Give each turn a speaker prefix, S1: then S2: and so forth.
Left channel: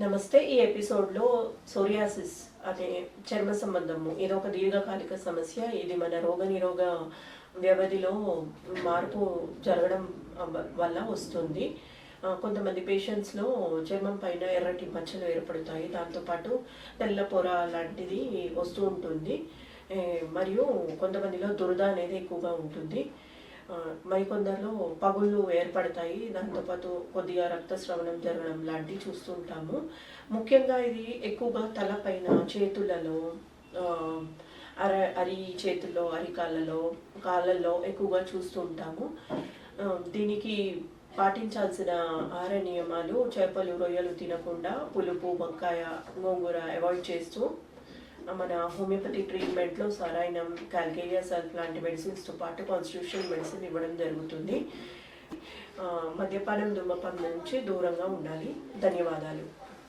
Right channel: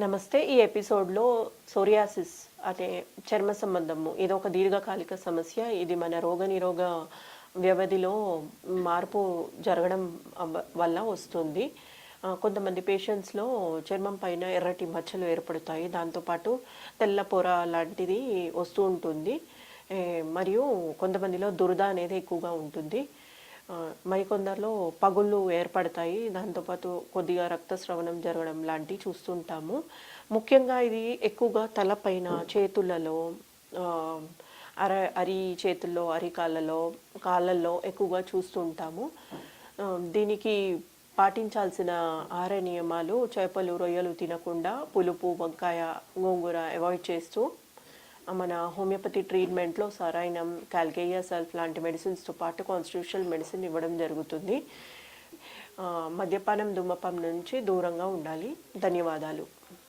S1: నమస్తే. ఈ ఎపిసోడ్లో సోరియాసిస్ అనే చర్మ సంబంధము ఇది ఒక దీర్ఘకాలిక సమస్య. ఇది మన రోగనిరోగ వ్యవధిలో మార్పు జరగడం వల్ల వస్తుంది. కొంతమంది పేషెంట్స్లో చర్మం పైన ఎర్రటి మచ్చలు ఏర్పడతాయి. దాంతోపాటు తెల్ల పొర లాంటిది వస్తూ ఉంటుంది. మరియు కొంతమందిలో దురద అనేది ఎక్కువగా ఉంటుంది. మరికొందరిలో పగుళ్ళు ఏర్పడతాయి. దాంతోపాటు కొద్దిగా రక్తస్రవణం జరగడం లాంటివి చూస్తుంటాము. ముఖ్యంగా ఇది ఎక్కువగా తలపైన చేతులలో అర అరి చేతుల్లో అరికాళ్ళలో కాళ్ళల్లో ఎక్కువగా చూస్తుంటాము. దీనికి పాటించాల్సిన ఆహార నియమాలు చేపలు రొయ్యలు తినకుండా పులుపు వంకాయ గోంగూర అవాయిడ్ చేస్తూ మన హోమియోపతి ట్రీట్మెంట్లో సరైనం కాల్కేరియా సెల్ఫ్ లాంటి మెడిసిన్స్తో పాటు కాన్స్టిట్యూషనల్ మెడిసిన్ ఇవ్వడం జరుగుతుంది. మద్యపానం ధూమపానం నుంచి దూరంగా ఉండాలి. ధన్యవాదాలు.